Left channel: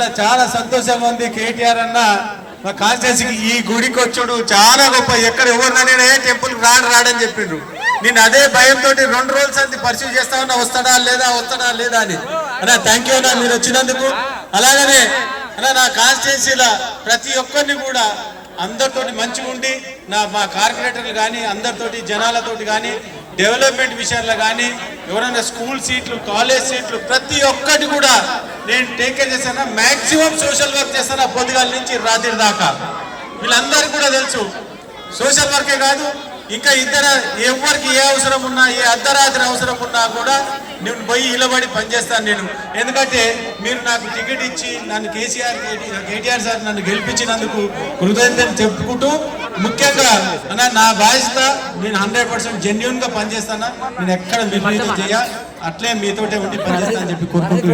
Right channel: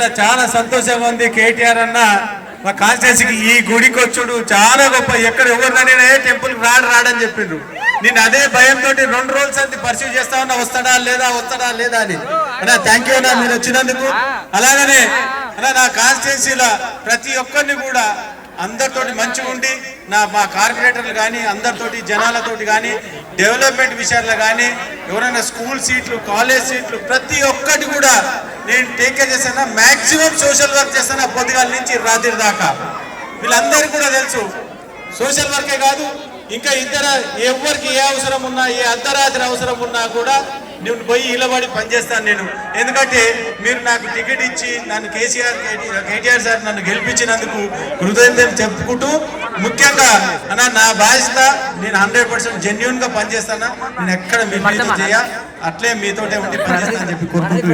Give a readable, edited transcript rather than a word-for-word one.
ఇవాళ చాలా సంతోషంగా ఉంది. కేటీఆర్ అన్న మా కాన్స్టిట్యూన్సీకి ఈ గుడికి వచ్చుడు చాలా గొప్ప. ఎక్కడ ఎవరినైనా టెంపుల్ రాడని చెప్పిండ్రు. నేను అదే భయంతో 2 రోజులు అంది పర్సీవ్ చేస్తా ఉన్నా, వస్తాడా లేదా అని. అన్నా థ్యాంక్ యూ అన్నా మీరు వచ్చినందుకు. అలాగనే అలా నా కాన్స్టిట్యూన్సీలో ప్రతి ఒక్కరిని కూడా అందరితోటి మంచిగా ఉండి మా కార్పొరేటర్లు కానీ అందరితోటి జనాలతోటి కానీ డెవలప్మెంట్ విషయాల్లో కానీ ఎవరైనా స్కూల్ సీట్లు కాలేజ్ సీట్లు ప్రతి ఒక్కటి కూడా నేను టేక్ కేర్ చేస్తాను. మ్యాక్సిమం సోషల్ వర్క్ చేస్తాను పొద్దుగాల నుంచి రాత్రి దాకా. వీళ్ళందరికీ కూడా తెలుసు సోషల్ వర్కే కాదు ఇంకా ఎవరికి ఏ అవసరం ఉన్నా ఏ అర్ధరాత్రి అవసరం ఉన్నా కూడా నేను పోయి ఇలబడి పనిచేస్తాను నేను. ఎందుకంటే మీరు నాకు టికెట్ ఇచ్చి నన్ను కేటీఆర్ సార్ నన్ను గెలిపించినందుకు హృదయం చెప్పుకుంటూ ముఖ్యంగా అన్న నా బాధ్యత నేను 100% జెన్యున్గా పనిచేస్తాను. నేను ఎక్కడ మీరు చేయ అట్లే మీతోటే ఉండి పనిచేస్తానని చెప్పి కోరుకుంటూ